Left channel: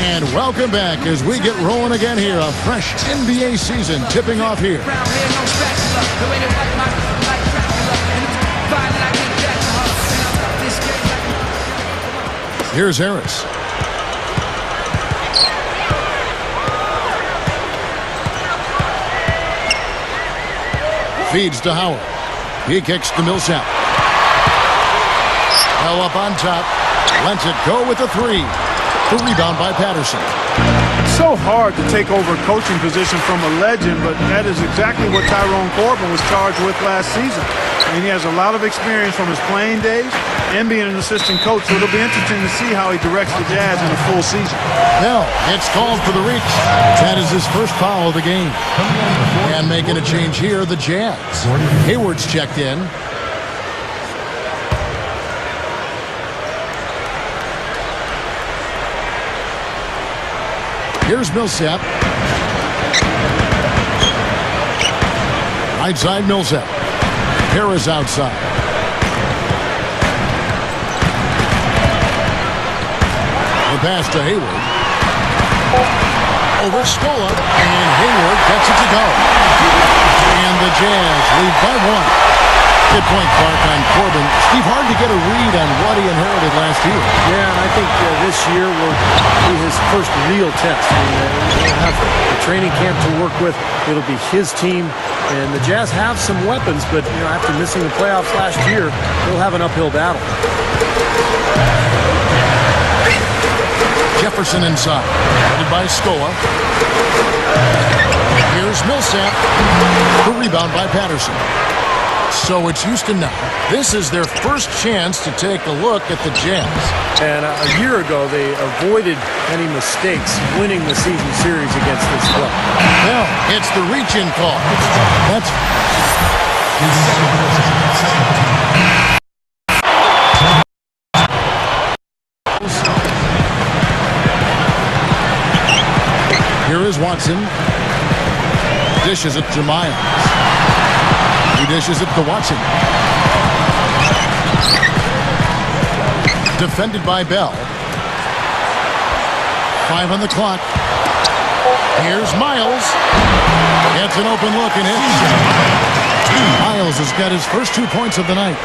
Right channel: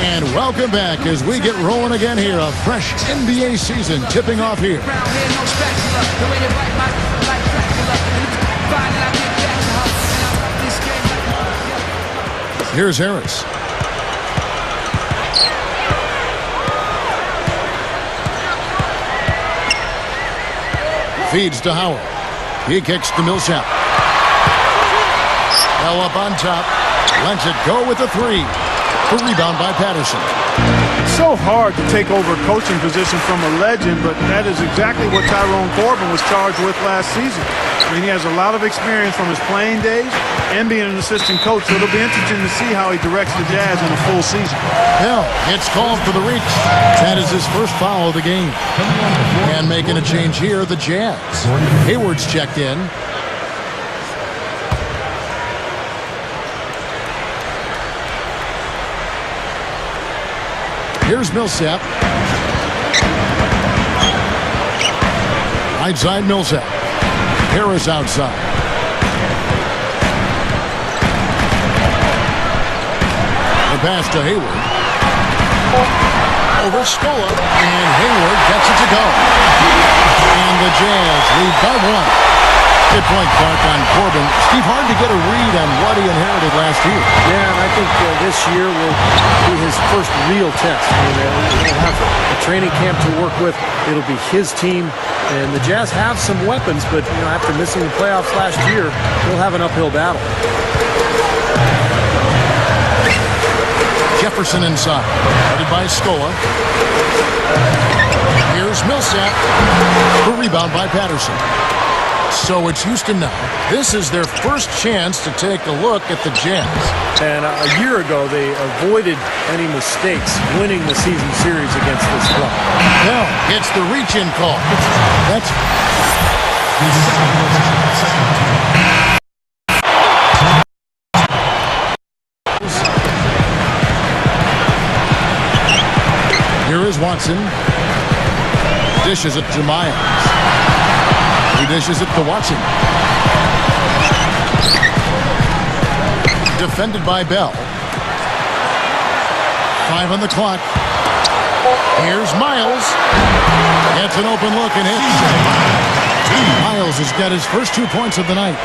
And welcome back as we get rolling again here. A fresh NBA season tipping off here. Here's Harris. Feeds to Howard. He kicks to Millsap. Hell up on top. Lets it go with the three. The rebound by Patterson. It's so hard to take over a coaching position from a legend, but that is exactly what Tyrone Corbin was charged with last season. I mean, he has a lot of experience from his playing days and being an assistant coach, so it'll be interesting to see how he directs the Jazz in a full season. Bell gets called for the reach. That is his first foul of the game. And making a change here, the Jazz. Hayward's checked in. Here's Millsap. Right side Millsap. Harris outside. The pass to Hayward. Over Scola, and Hayward gets it to go. And the Jazz lead by one. Good point, Clark, on Corbin. Steve, hard to get a read on what he inherited last year. Yeah, and I think this year will be his first real test. I mean, he'll have a training camp to work with. It'll be his team. And the Jazz have some weapons, but, you know, after missing the playoffs last year, he'll have an uphill battle. Jefferson inside. Headed by Scola. Here's Millsap. The rebound by Patterson. So it's Houston now. This is their first chance to take a look at the Jazz. And a year ago, they avoided any mistakes winning the season series against this club. Well, it's the reach-in call. That's... Here is Watson. Dishes it to Miles. He dishes it to Watson. Defended by Bell. 5 on the clock. Here's Miles. Gets an open look and hits. Miles has got his first 2 points of the night.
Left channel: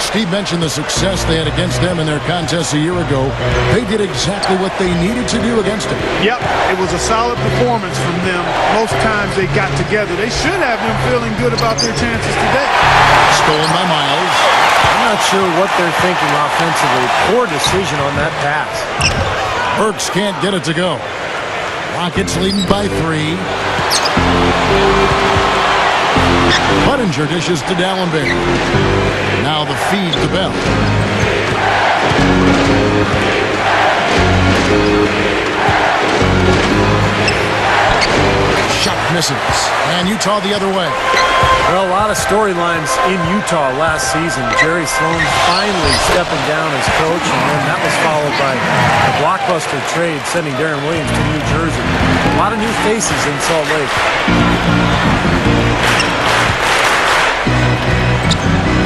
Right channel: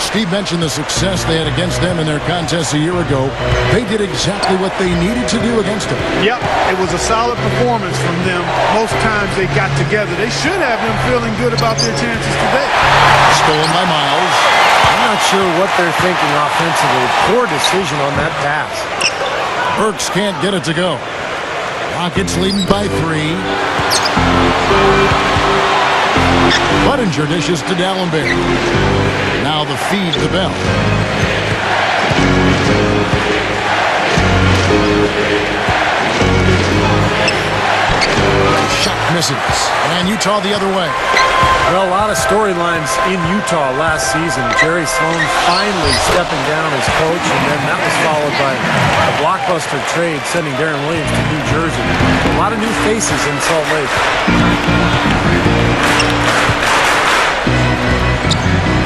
Steve mentioned the success they had against them in their contest a year ago. They did exactly what they needed to do against them. Yep, it was a solid performance from them. Most times they got together. They should have them feeling good about their chances today. Stolen by Miles. I'm not sure what they're thinking offensively. Poor decision on that pass. Burks can't get it to go. Rockets leading by 3. Budinger dishes to Dallenberg. Now the feed to Bell. Shot misses. And Utah the other way. Well, a lot of storylines in Utah last season. Jerry Sloan finally stepping down as coach, and then that was followed by a blockbuster trade sending Darren Williams to New Jersey. A lot of new faces in Salt Lake.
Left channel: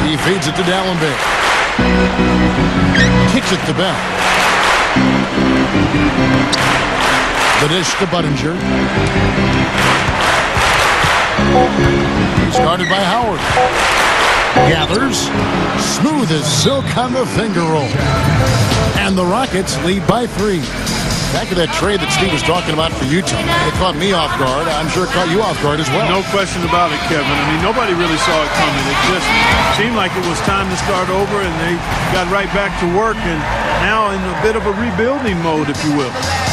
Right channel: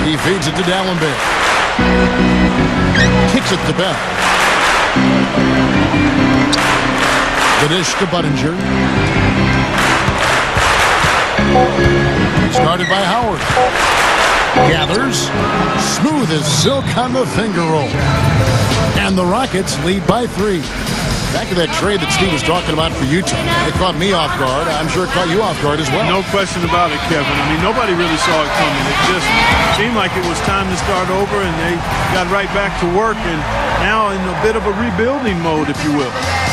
He feeds it to Dallenberg. Kicks it to Bell. The dish to Budinger. He's guarded by Howard. Gathers. Smooth as silk on the finger roll. And the Rockets lead by 3. Back to that trade that Steve was talking about for Utah. It caught me off guard. I'm sure it caught you off guard as well. No question about it, Kevin. I mean, nobody really saw it coming. It just seemed like it was time to start over, and they got right back to work, and now in a bit of a rebuilding mode, if you will.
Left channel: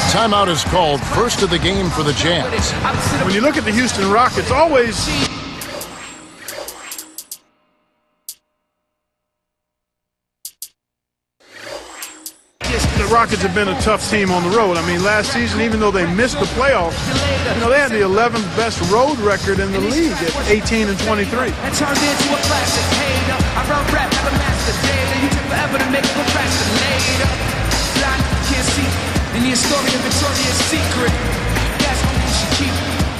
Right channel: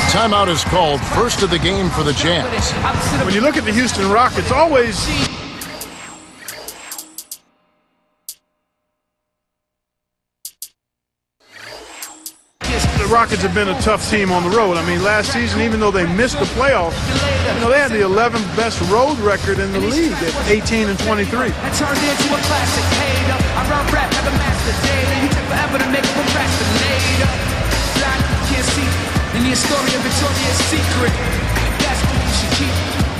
Timeout is called. First of the game for the Jazz. When you look at the Houston Rockets, always... The Rockets have been a tough team on the road. I mean, last season, even though they missed the playoffs, you know, they had the 11th best road record in the league at 18-23.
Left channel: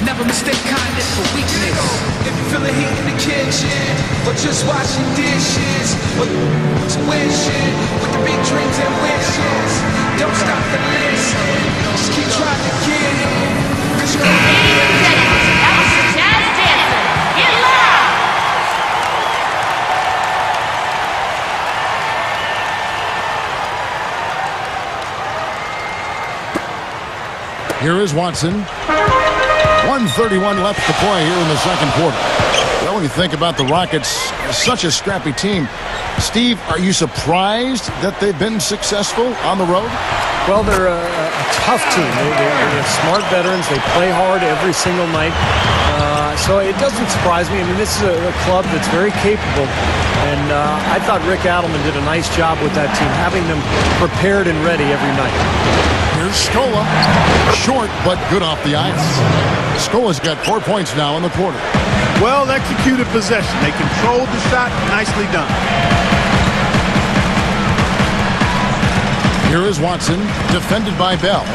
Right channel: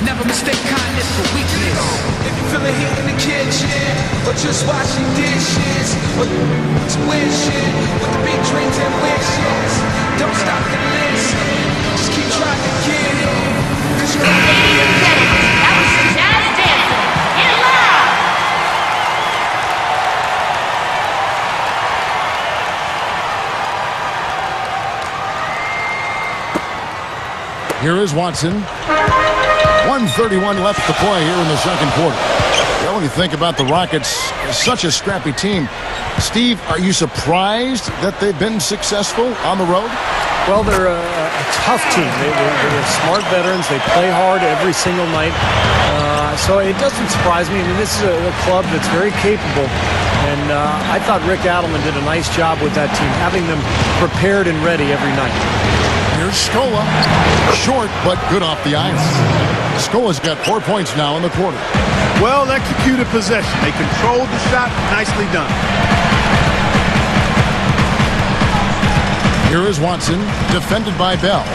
Never mistake kindness for weakness. If you feel a heat in the kitchen, or just washing dishes, or wishing with the big dreams and wishes. Don't stop the list. Just keep trying, kid. 'Cause you're Here is Watson. 1:31 left to play here in the second quarter. Well, when you think about the Rockets, such a scrappy team. Steve, are you surprised that they've been successful on the road? Well, they're a tough team. They have smart veterans. They play hard every single night. So it doesn't surprise me. I mean, this is a club that's very capable. And I thought Rick Adelman did a nice job with that team, having them prepared and ready every night. Here's Scola. Short, but good off the iron. Scola's got 4 points now in the quarter. Well executed possession. They controlled the shot. Nicely done. Here is Watson, defended by Bell.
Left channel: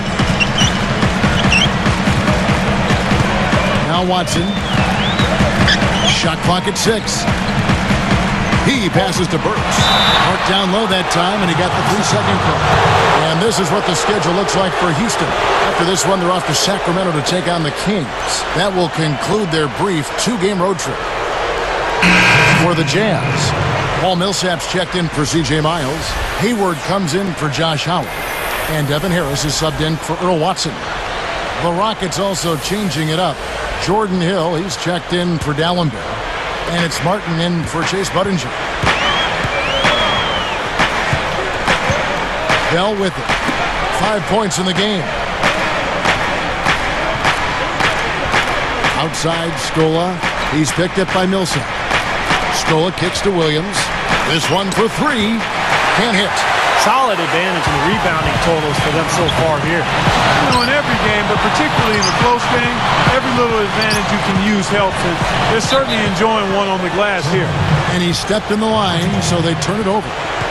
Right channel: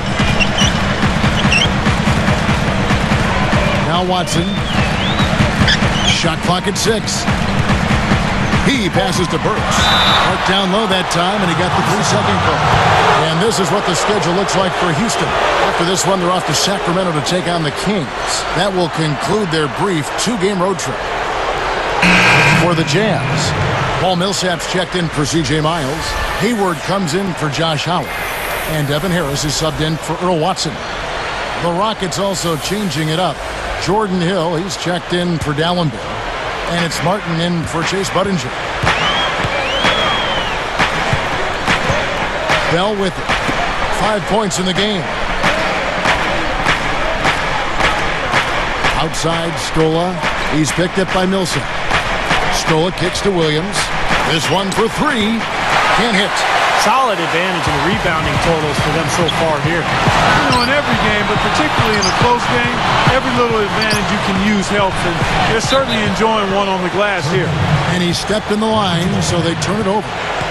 Now Watson. Shot clock at 6. He passes to Burks. Marked down low that time, and he got the 3-second call. And this is what the schedule looks like for Houston. After this one, they're off to Sacramento to take on the Kings. That will conclude their brief 2-game road trip. For the Jazz, Paul Millsap's checked in for C.J. Miles. Hayward comes in for Josh Howard. And Devin Harris is subbed in for Earl Watson. The Rockets also changing it up. Jordan Hill, he's checked in for Dallenberg. And it's Martin in for Chase Budinger. Bell with it. 5 points in the game. Outside, Scola. He's picked up by Millsap. Scola kicks to Williams. This one for 3. Can't hit. Solid advantage in the rebounding totals for them so far here. You know, in every game, but particularly in a close game, every little advantage you can use helps, and they're certainly enjoying one on the glass here. And he stepped in the line, so they turn it over.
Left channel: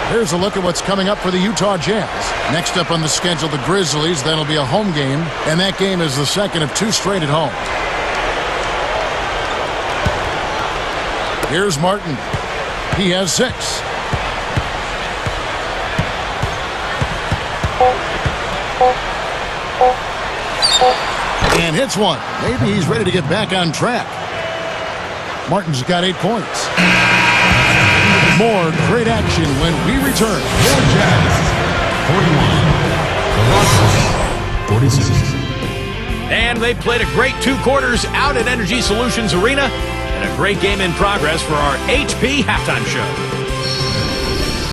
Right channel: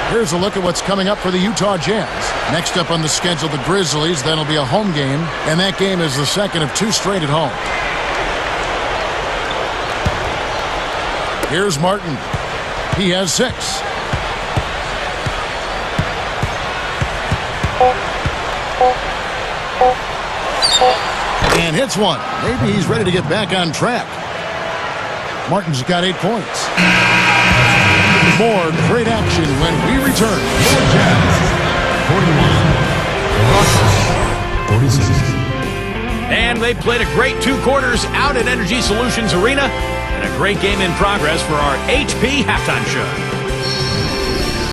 Here's a look at what's coming up for the Utah Jazz. Next up on the schedule, the Grizzlies. That'll be a home game, and that game is the second of 2 straight at home. Here's Martin. He has 6. And hits one. Maybe he's ready to get back on track. Martin's got 8 points. More great action when we return. And they played a great 2 quarters out at Energy Solutions Arena, and a great game in progress for our HP Halftime Show.